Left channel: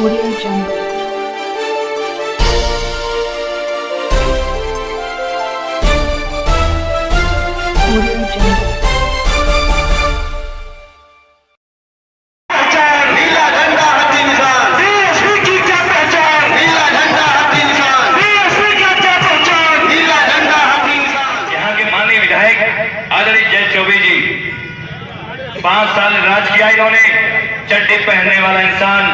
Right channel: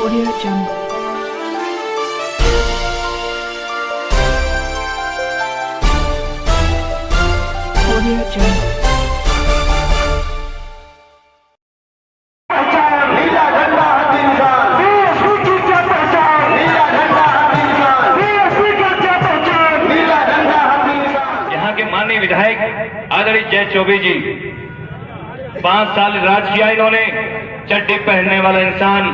Audio Jungle. Audio Jungle. नीला झंडा हाथी निशान, डीएसपी की क्या पहचान, नीला झंडा हाथी निशान, डीएसपी का क्या पहचान, नीला झंडा हाथी निशान। यहाँ के माननीय विधायक आदरणीय जय चौबे जी 5 साल राज किया इन्होंने। चड्डी पहनने वाला इंसान,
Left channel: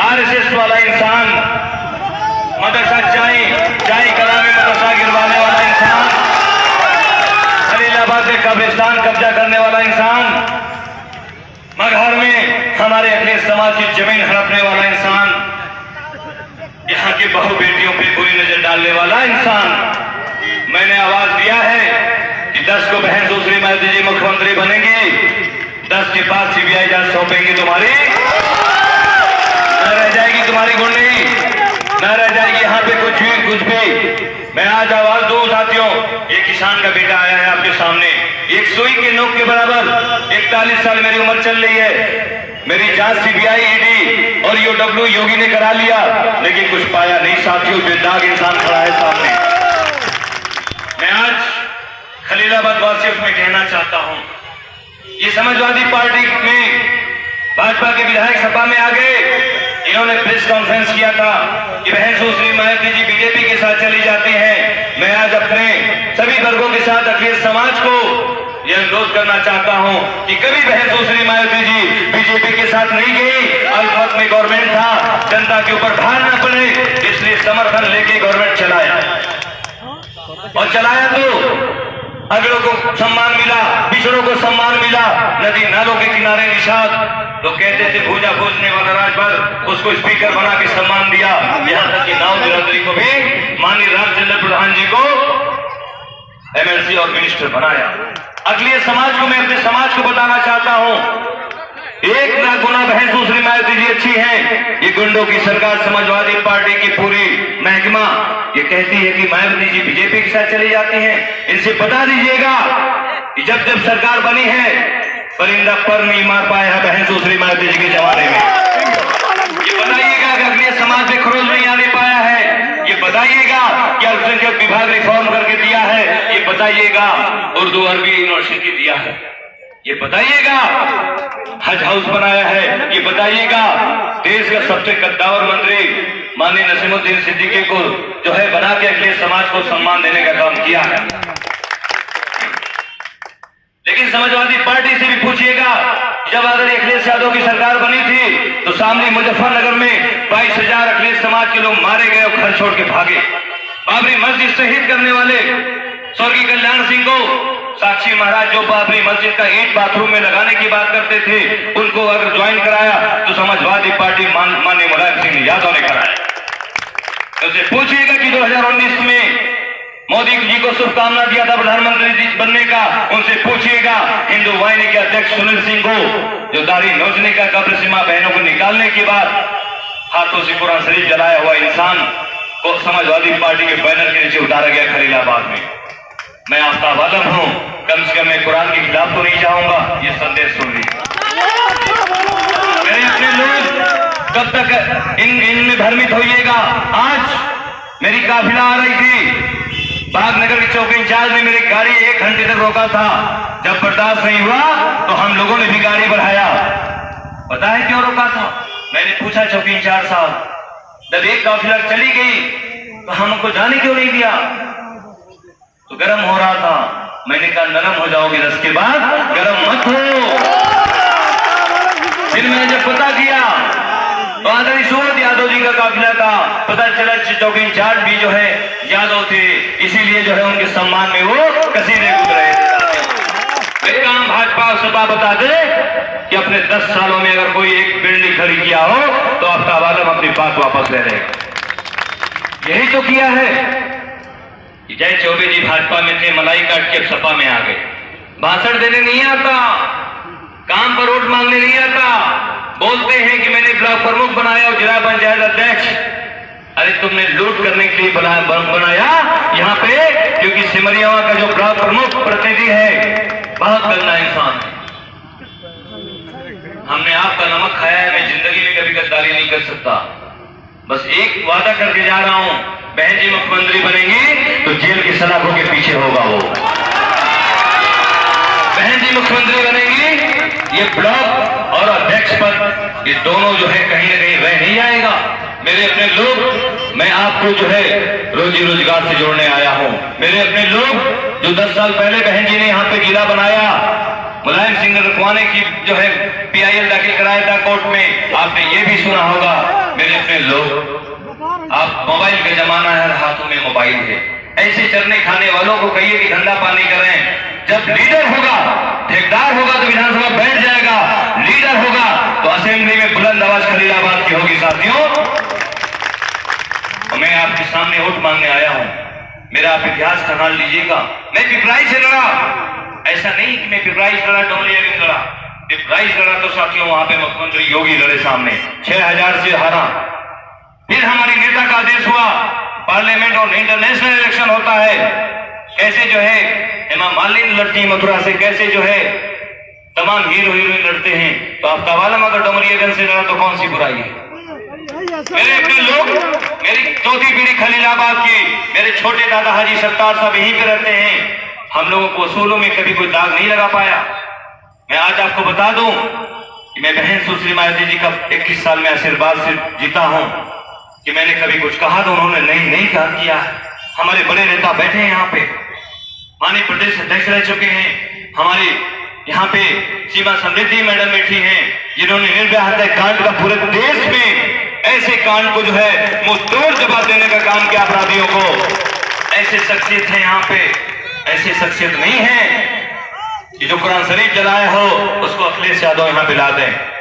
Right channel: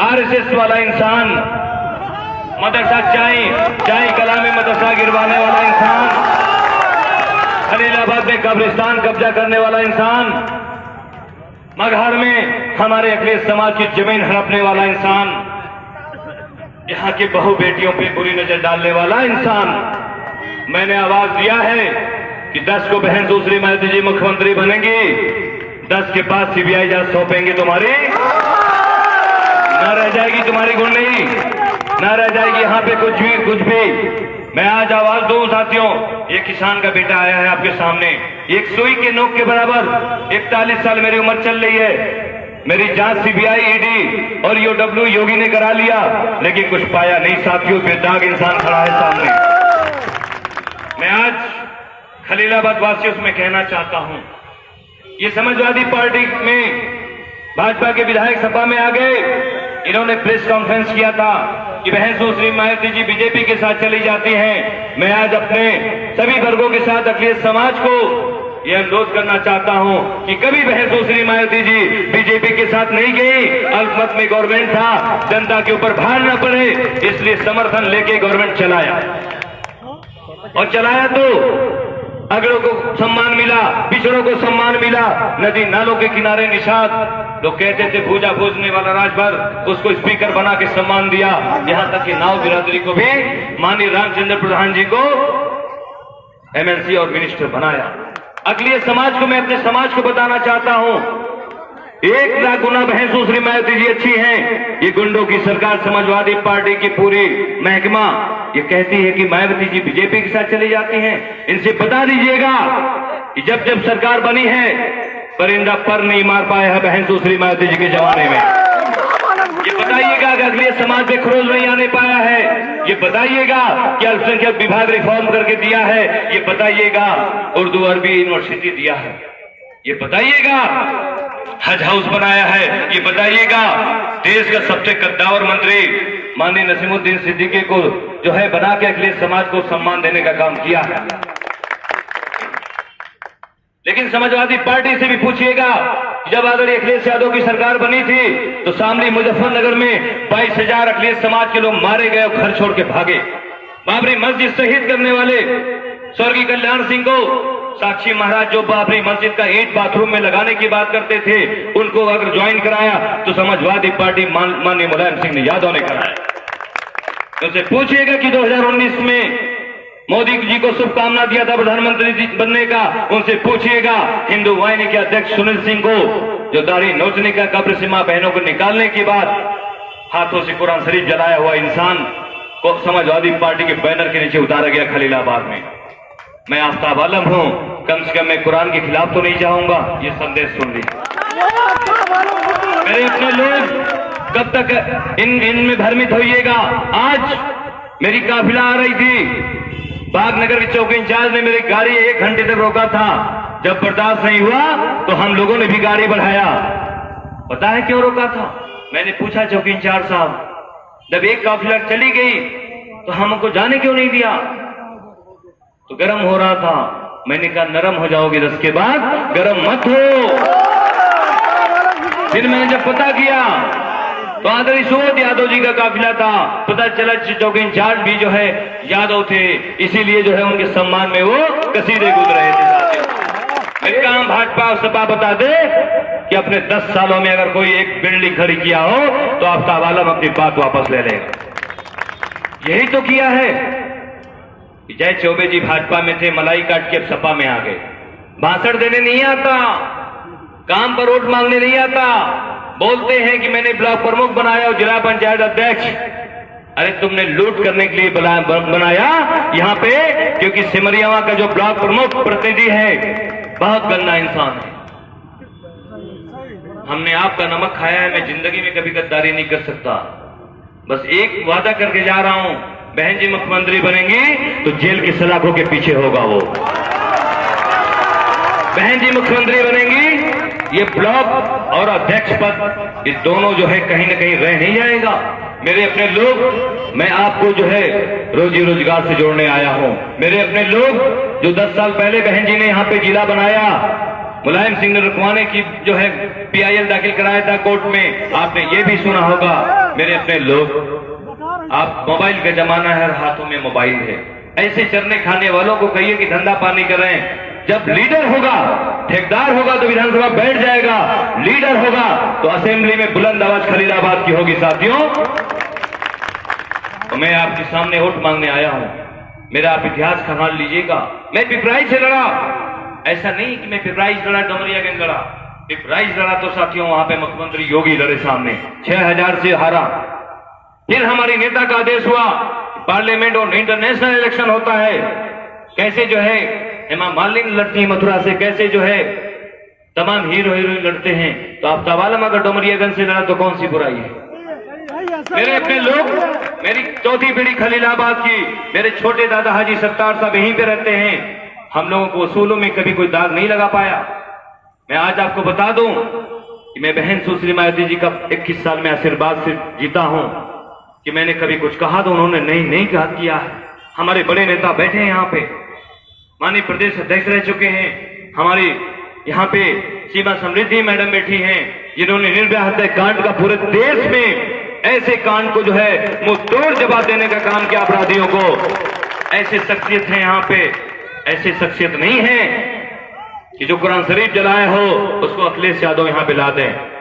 आरएसएस वाला इंसान, मदरसा चाय कला में मदरसा गिरवाने वाला इंसान, खलीलाबाद में कब्रिस्तान कब्जा करने वाला इंसान, मगहर में हमारे अखिलेश समाज की जमीन हड़पने वाला इंसान, यहाँ की बहु बेटियों पे बुरी नजर डालने वाला इंसान। मैंने आवाज दिया है कि 10 को बहन सुश्री मायावती जी मुख्यमंत्री बनेंगे, 10 के पास सीबीआई जांच सौंपेंगे, तुम्हारी न रह जाएगी, तुम्हारी गुंडई न रह जाएगी यहाँ पे कुछ भी। मैं आज आवाज दूं साथियों, एक किसान का बेटा आया है आपके सामने, एक सुई के नोक के बराबर, 41 साल मेरी उम्र चल रही है। मेरी जांच सीबीआई, ईडी और यूडब्ल्यू योगी ने करा लिया, लेकिन कुछ पाया नहीं साथियों। बेदाग इंसान खड़ा है सामने। मैं आज खलीलाबाद वासियों में कहना चाहता हूं, ये समाजवादी पार्टी में भाजपा के विधायक सभा में आ गए, इन्होंने प्रेस कॉन्फ्रेंस किया था कि बहन सुश्री मायावती जी बीजेपी के साथ चली जाती हैं। मैं आज अपने सभी वर्गों के साथ अखिलेश समाज को यह अनुरोध करना चाहता हूं कि कभी बहन सुश्री मायावती जी बीजेपी के साथ नहीं गई। अल्पमत में गवर्नमेंट था, जनता के ऊपर भार न पड़े, इसलिए समर्थन लेके गवर्नमेंट चलाया, और चलाया तो अगलों को सम्मान मिला, पिछड़ों को सम्मान मिला। नदी नालों के किनारे निषाद, लोग कहते थे भूजा खोजने वाला राजभर, उसको स्पीकर बना के सम्मान दिया। यहाँ तक कि नाव बिरादरी को भी माननीय रामचंद्र प्रधान जी को एमएलसी और मिनिस्टर बनाया। अखिलेश समाज को, मैं अपने समाज को बताना चाहता हूँ, 1 लाख गुना बहन सुश्री मायावती जी अच्छी हैं। ये गुंडों की सरकार, समाजवादी पार्टी की पूरी महकमा ये कहती है कि मायावती जी बीजेपी के साथ चली जाती हैं। इनसे बता दीजिएगा कि जब जब सरकार बनी है, परिंदा पर नहीं मार पाया है बहन सुश्री मायावती जी के जमाने में। ये बताइएगा कि अखिलेश समाज में खरोच नहीं आने पाया है। ये बताइएगा कि अल्पसंख्यक विभाग रिफॉर्म करके दिया है। ये बताइएगा उर्दू अरबी यूनिवर्सिटी दिया है। ये बताइएगा हज हाउस बनाया है। ये बताइएगा देश का सबसे कद्दावर मंत्री माननीय नसीमुद्दीन सिद्दीकी को जो है बना के अखिलेश समाज को सम्मान देने का काम किया है। लेकिन समाजवादी पार्टी से भी पूछिएगा, जब आदरणीय अखिलेश यादव की सरकार बनी थी तो सामने मुजफ्फरनगर में 22,000 अखिलेश समाज के लोग मारे गए और घर छोड़ के भागे। बाबरी मस्जिद शहीद करने वाले स्वर्गीय कल्याण सिंह को साक्षी महाराज जो बाबरी मस्जिद का ईंट बाथरूम में लगाने की बात करते थे, उनको अगर ज्वाइन कराया तो समाजवादी पार्टी माननीय मुलायम सिंह यादव ने कराया। उससे पूछिएगा कि 2019 में मोदी जी को शुभकामना दिया था प्रधानमंत्री बनने का, उनसे पूछिएगा हिंदू वाहिनी के अध्यक्ष सुनील सिंह को, जो दाढ़ी नोचने का, कब्र सीमा बहनों को निकालने के बाद हाथों से कुरान शरीफ जलाया हुआ इंसान को समाजवादी पार्टी के बैनर के नीचे उतारा गया खलीलाबाद में। मैं आफ्ताब आलम हूं, कम से कम मैं कुरान के खिलाफ तो नहीं जाऊंगा। ये संदेश सुन लीजिए मेरे अपने लोग, कब तक इनमें भ्रमित होइएगा। आज मेरी काफिला आ रही थी, बागनगर के चौकी इंचार्ज ने मेरी गाड़ी 1 घंटे तक रोका था। जब बर्दाश्त नहीं हुआ तो हम लोगों ने भी गाड़ी बढ़ाया। पता है क्यों रोका था? मैंने पूछा चौकी इंचार्ज साहब, जब एक काफिला चली गई तो हमको जाने क्यों नहीं दिया? तो गर्म हो रहा था। मैंने कहा नरम हो जाओगे 10 के बाद, गर्म मत हो। फिर मैंने जब पता किया तो आदरणीय सूरत यादव जी का काफिला था। पता चला चौकी इंचार्ज भी जो है यादव थे, इसीलिए जो है उनके सम्मान में वो कसीदे गुज रहे थे। एक काम भाजपा सपा बता दे कि अपने 10 सालों में अगर कोई एक बिल्डिंग खड़ी किया हो तो आफ्ताब आलम अपनी बात वापस ले रहे। यही तो किया है। जय चौबे जी भाजपा में थे, मलाई काट के सपा में आ गए। भाषण देने नहीं आता, काम पर वोट मांगने नहीं आता, बोलते हैं कि मैंने ब्लॉक प्रमुख बनाया और जिला पंचायत अध्यक्ष। अरे तुमने लूट करने के लिए बनाया यहाँ पे, क्योंकि सिमरिया का जो ब्लॉक प्रमुख प्रतिनिधि है बहुत गंदा इंसान है। हमने आपका नमक खाया है, मैं जिंदगी में कभी गद्दारी जारी नहीं कर सकता। बस एक वादा करके जा रहा हूं, बहन जी मुख्यमंत्री बनेंगी तो जेल की सलाखों के पीछे होगा वो। बहन जी मुख्यमंत्री बनेंगी, ये ब्लॉक और अध्यक्ष पद ये दोनों जो है कहीं न कहीं रह नहीं जाएगा। मेरे अपने लोग, मैं आपको जो है रोजी रोजगार से जोड़ने आया हूं। मेरे अपने लोग जो 10 साल पहले बहन जी ने यहाँ पे जिला बनाया, मुलायम सिंह ने रुकवाने की जो है PIL दाखिल कराया था कोर्ट में, आपने ये भी सुना होगा। मेरे अपने लोग, आप मोबाइल का जमाना है, हाथों में मोबाइल है। ऐसे चरने खाने वालों को कहिए कि धंधा पानी करें। जब लीडर होगा, ठेकेदार होगा तो विधानसभा बैठ जाएगा, लीडर होगा तो असेंबली में बुलंद आवाज खलीलाबाद की होगी। साथियों, मैं आपके सामने वोट मांगने आया हूं। मेरा आप इतिहास का हाल लीजिएगा। मैं पिपराइच से लड़ा, ऐसा नहीं कि मैं पिपराइच लड़ा, डोमरियागंज लड़ा। पिपराइच लड़ा तो साथियों वहां पे मुख्यमंत्री योगी लड़े सामने, 6000 से हारा। फिर हमारी नेता का आदेश हुआ, पार्लियामेंट और इंटरनेशनल इलेक्शन होता है, कैसे जो है हेमा मालिनी लड़ती है मथुरा से, कैसे जो है तमाम हीरो हीरोइन लड़ते हैं। तो आप तवालम अगर डोमरियागंज से लड़ा तो कौन सी बुराई है। मेरे अपने लोग, मेरी चौथी पीढ़ी खलीलाबाद की, मेरे छोटे दादा हाजी सत्तार साहब यहीं पे रहते हैं। हम लोगों को उसूलों में कभी कोई दाग नहीं लगा पाया। मैं आज आपको बता दूं कि मैं बहन सुश्री मायावती जी का 21 साल में आशीर्वाद से जीता हूं कि मैंने कभी कुछ कहा तो उन्होंने नहीं कहा किया। हमारे बड़े नेता बैठे हैं यहाँ पे, माननीय प्रदेश अध्यक्ष रह चुके हैं, हमारी यहाँ पे सीमा समृद्धि मैडम बैठी हैं, जिन्होंने निर्भया हत्याकांड का पूरे देश में ऐसे कांड को जो है मुंह तोड़ जवाब देने का काम किया अपराधियों को। ऐसे शख्सियत है यहाँ पे, ऐसे शख्सियत नहीं है कि जो कुरान शरीफ जलाए हो उसको अखिलेश यादव यहाँ पे ला दें।